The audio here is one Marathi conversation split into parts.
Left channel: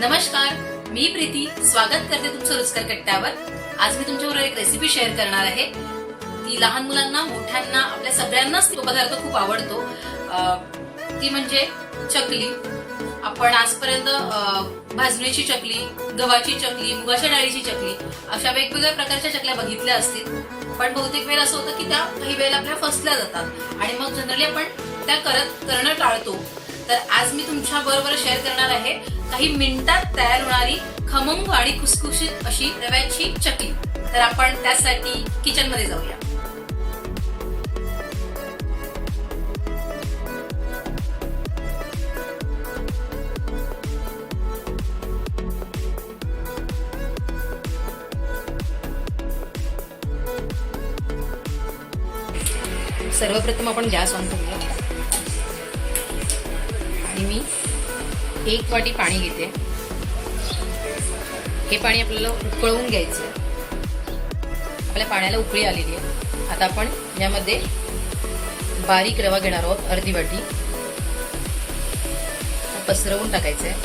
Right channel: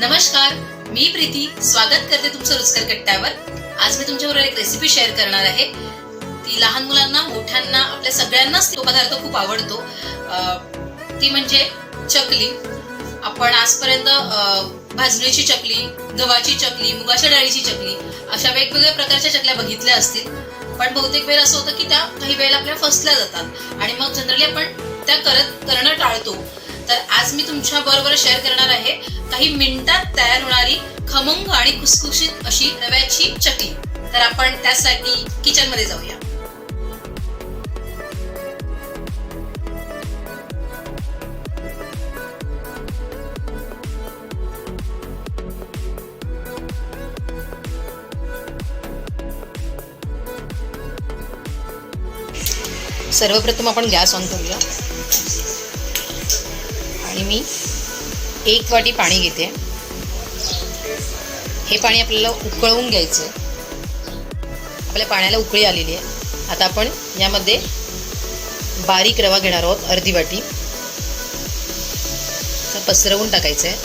नमस्कार, मी प्रीती स्वागत करते तुमचं रुचकर कट्ट्यावर। आज मी तुमच्याबरोबर एक रेसिपी शेअर करणार आहे। ती लहान मुलांना मोठ्यांना आपल्या सगळ्यांनाच तो पदार्थ खूप आवडतो। ती म्हणजे चकली। आपण आजपर्यंत भाजणीची चकली, गव्हाची चकली, मुगाच्या डाळीची चकली अशा वेगवेगळ्या प्रकारच्या चकल्या बघितल्या असतील, पण बहुतेक वेळा असं होतं की त्या काही वेळेला आपल्या फसल्या जातात आणि मग जनरली आपण त्या करणं टाळतो। तर आज मी तुमच्या बरोबर शेअर करणार आहे काही मिनिटात तयार होणारी खमंग आणि खुसखुशीत अशी रव्याची चकली। तर आपण त्यासाठी किचन मध्ये जाऊया। सर्वप्रथम आपण गॅस ऑन करूया आणि मी 1 वाटी पाणी घेते। हे पाणी आपल्याला उकळवून घ्यायचं। आपल्या पाण्याला उकळी आलेली आहे। आता आपण यामध्ये बारीक रवा घेणार आहोत, अर्धी वाटी पसरवून टाकायचं आहे।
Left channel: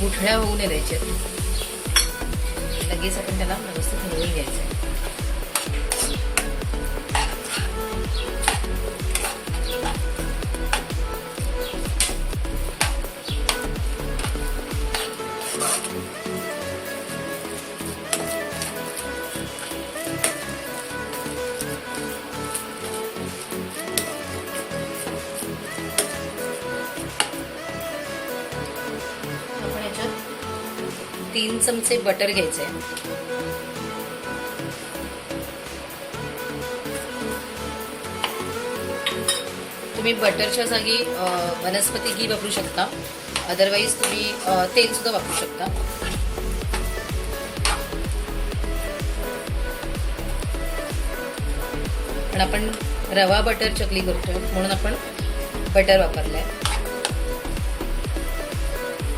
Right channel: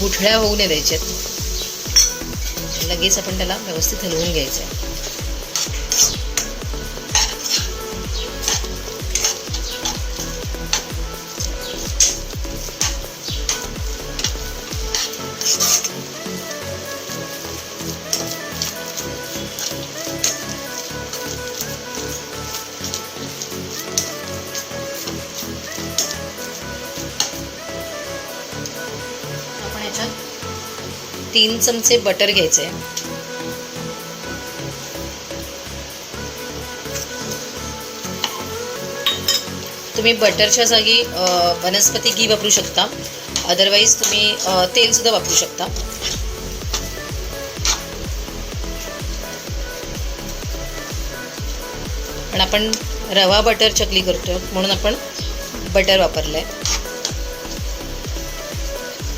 गुठळ्या होऊ नये द्यायच्यात। लगेच आपण त्याला व्यवस्थित हलवून घ्यायचं आहे। आपण याच्यात 3 चमचे बटर घ्यायचे। तुम्ही बटरच्या जागी वनस्पती घी वापरू शकता, अदरवाइज तुम्ही तेल सुद्धा वापरू शकता। पण आपण रवा बटर चकली करतो म्हणून आपण बटर वापरलंय।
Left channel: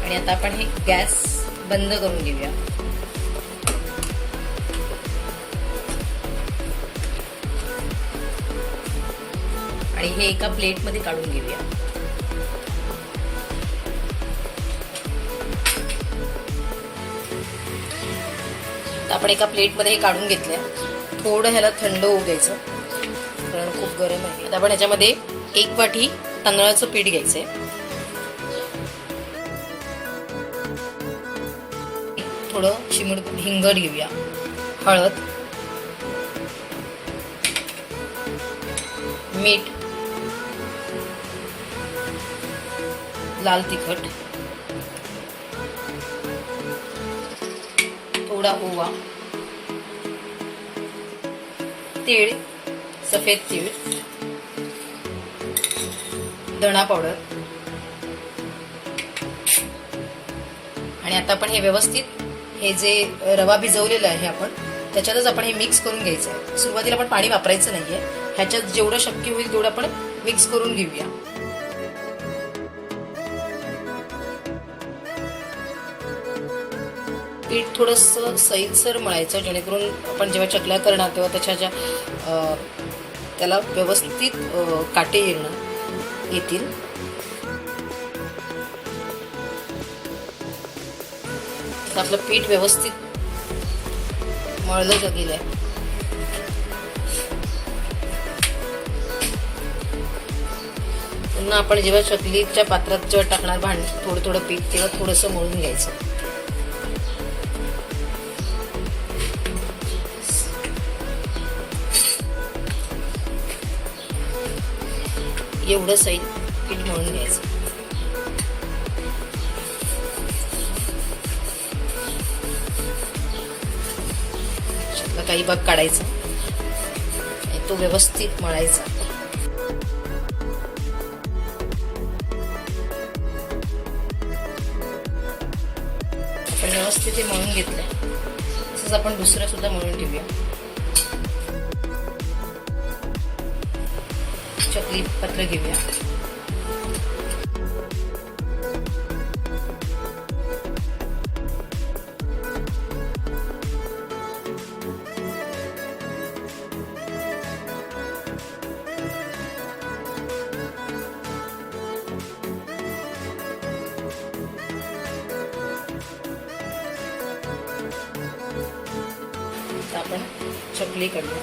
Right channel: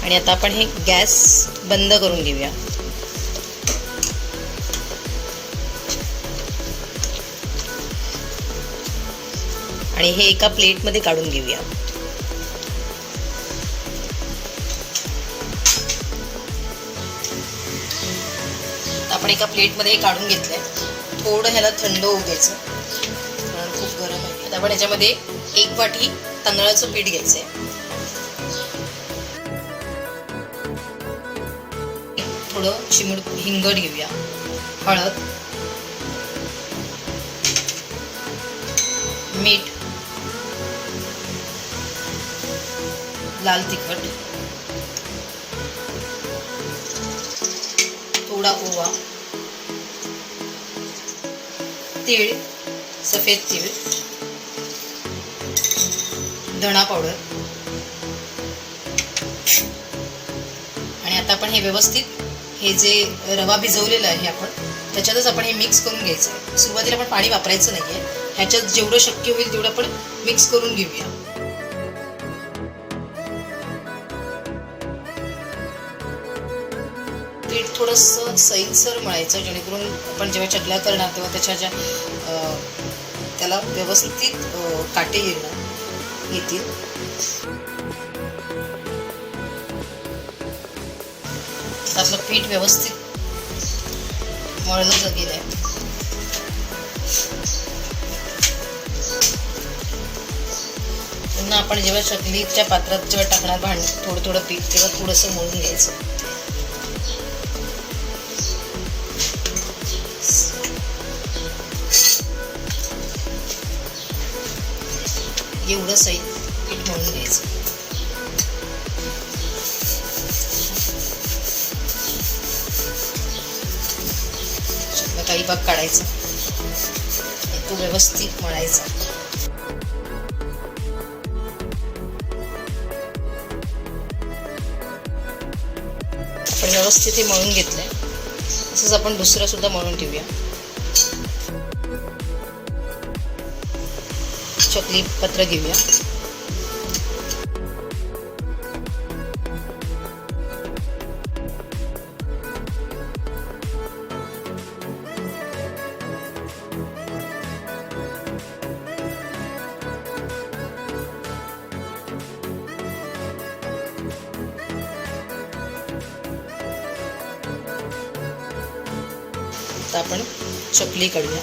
आणि आता आपण हे गॅस बंद करून घेऊया। आणि हे एका प्लेटमध्ये काढून घेऊया। आपण एका प्लेटमध्ये हे काढून घेतलंय। थोडं ह्याला थंड होऊ द्यायचं कारण खूप गरम आहे। आता आपण याच्यामध्ये 1 वाटी तांदळाचं पीठ घ्यायचंय। थोडं चिमूट हिंग घेऊया, हळद, मीठ, लाल तिखट, थोडा ओवा, तीळ, सफेद तीळ, धणा पावडर। आणि आता आपण हे व्यवस्थित हे जे रवा भिजवलेला आहे आपण त्याच्यातच आपण हे मिक्स करून घ्यायचं आहे। सुरुवातीला आपण पाणी वापरायचं नाहीये, ह्याच्यात जेवढं शक्य होईल तेवढं आपण मिक्स करून घेऊया। पीठ थोडंसं सैलसर मळायचं जेणेकरून आपण जेव्हा चकल्या करणार तेव्हा त्याच्या त्याला व्यवस्थित काटे येतील। आपलं पीठ व्यवस्थित मळलं गेलंय। पुन्हा आपण जेव्हा चकलीच्या पात्रात जेव्हा टाकणार थोडं थोडं पीठ तेव्हा थोडंसं मळून घ्यायचं। एवढं सैल पीठ मळून घ्यायचं। काही भाग काढायचा, तो व्यवस्थित मळायचा। आपण व्यवस्थित हे मळून घेतलंय। तसंच आपण दुसरं सुद्धा मळून ठेवूया। चकली पत्र घेऊया। आता आपण चकली काढूया.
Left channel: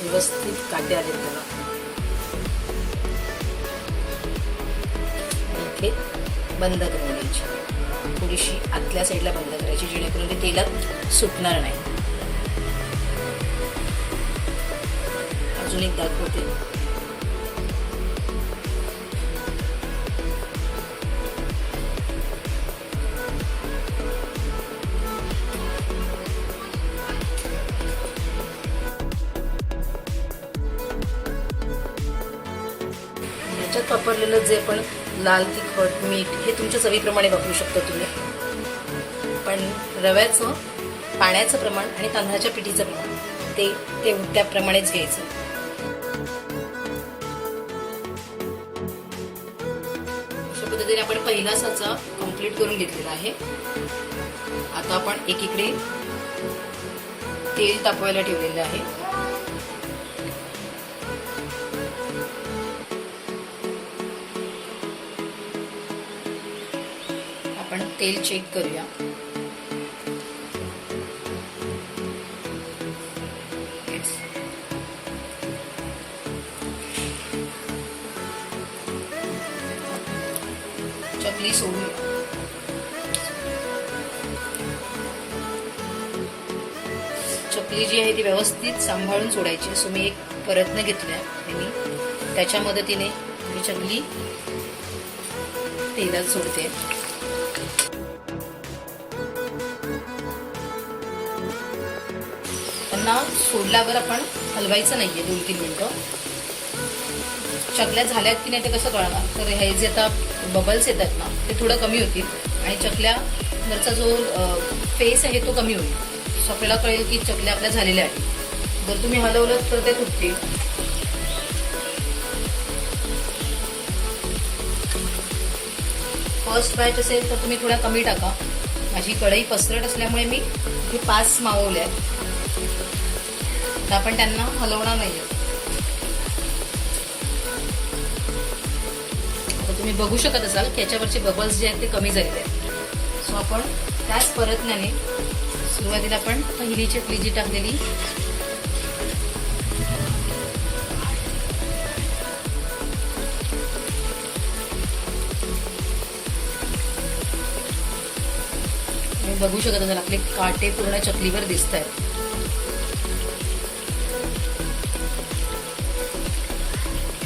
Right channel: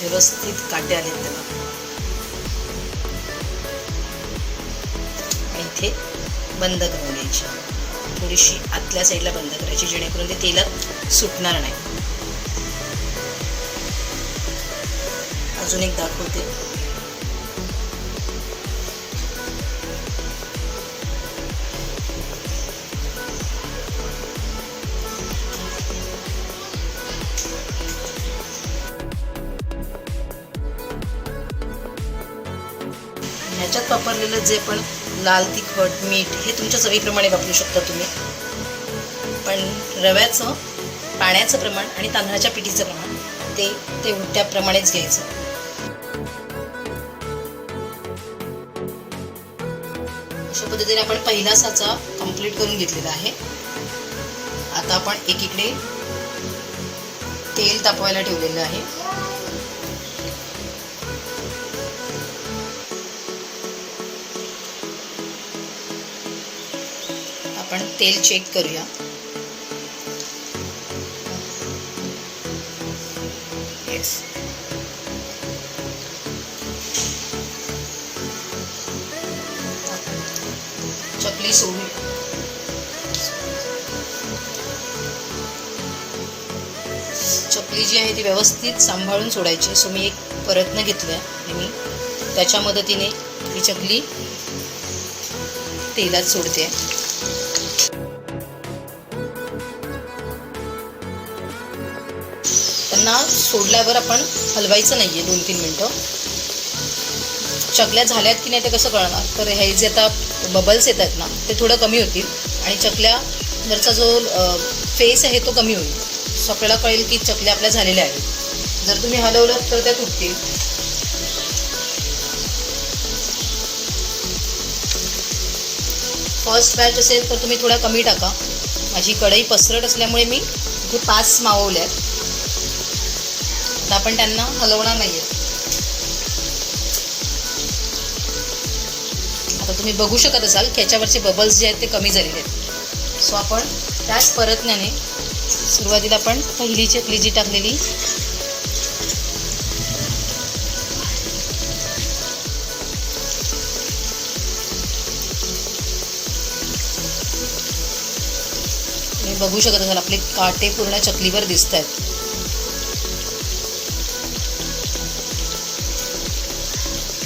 व्यवस्थित काटे आले त्याला. इथे बंद करून द्यायची, थोडीशी आतल्या साईडला बंद करायची जेणेकरून ते तेलात सुटणार नाही. अजून एक दाखवते. ह्याच्यात वापरलेलं जे पण लाल तिखट मीठ हे तुमच्या चवीप्रमाणे वापरू शकता तुम्ही, पण रव्याचं पाण्याचं प्रमाण आणि तांदळाच्या पिठीचं प्रमाण ते त्याप्रमाणेच घ्यायचं. अशा पद्धतीने आपण पहिला साचा कंप्लीट करून घेतलेला आहे. आता आपण एकीकडे तेल तापवायला ठेवलेलं आहे. आपण तेल चेक करूया. येस, चकली सोडूया. चकली जी आहे ती व्यवस्थित सांभाळून सोडायची. सो मी एक प्रयत्न घेतला आणि मी त्याच्या मदतीने ही चकली तेलात सोडते. त्यांना सोडल्यावर आपण हलवायचं नाहीये 2-3 मिनटं. चकल्या झाल्यात की नाही ते कसं कळणार, तर हे जे आता बबल्स येतात ना ते थोडं कमी होतील आणि चकल्यावरचा जो फेस आहे तो कमी होईल. सो आपल्याला कळेल की चकल्या आपल्या झालेल्या आहेत. जर तुम्ही हलवलं तर त्या तुटतील. फर्स्ट बॅच असेल तर तुम्ही थोड्या कमी टाका. माझी कढई पसरट असल्यामुळे मी इथे 5 मावल्या आहेत. आता आपण त्यांना हलवणार नाही. आता तुम्ही बघू शकत असाल की याच्यावरचे बबल्स जे आहेत ते कमी झालेले आहेत. सो आपण त्याच प्रयत्नाने सुरुवातीला आपण पहिली चकली जी टाकलेली बघू शकत असाल आपले काटे पूर्ण चकलीवर दिसत आहेत.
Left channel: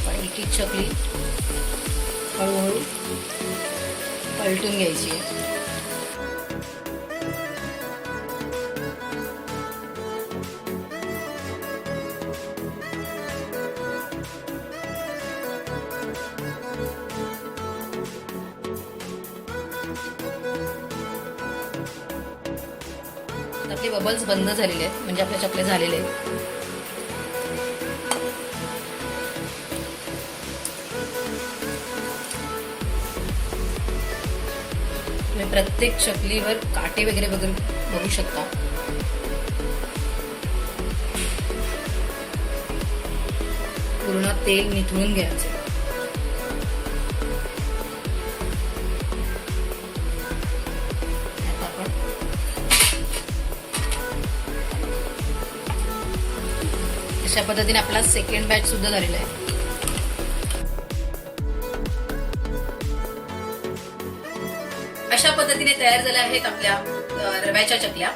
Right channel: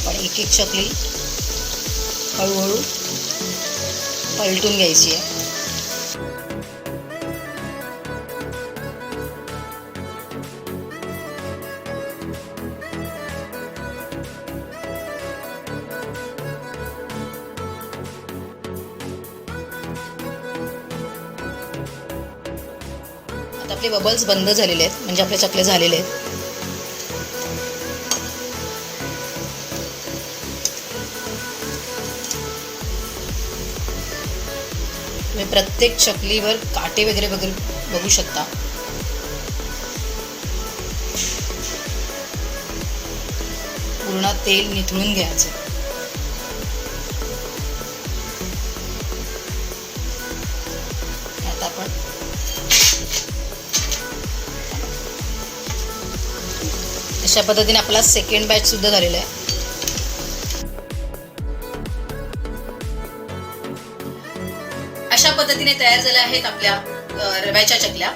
पण एक एक चकली हळूहळू पलटून घ्यायची आहे. आपले बबल्स बंद झालेले आहेत, म्हणजे आपल्या चकल्या झालेले आहेत. तुम्ही प्रत्येक चकलीवर काटे वगैरे बघू शकता. पूर्ण तेल निथळून घ्यायचं. आता आपण अशा पद्धतीने आपला सेकंड बॅच सुद्धा झालेला आहे. अशा पद्धतीने तयार झाल्या आहेत आपल्या रव्याच्या चकल्या.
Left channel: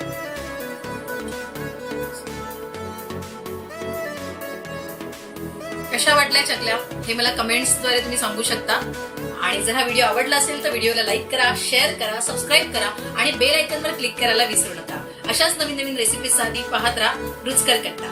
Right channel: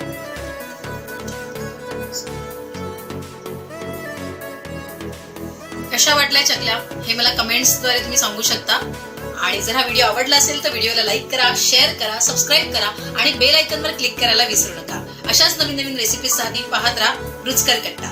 कशा वाटल्या चकल्या हे मला कमेंट्सद्वारे तुम्ही सांगू शकता. आणि जर हा व्हिडिओ आवडला असेल तर व्हिडिओला लाईक करा, शेअर करा, सबस्क्राईब करा आणि बेल आयकॉनवर क्लिक करायला विसरू नका. अशाच नवीन नवीन रेसिपीजसाठी पाहत राहा रुचकर कट्टा.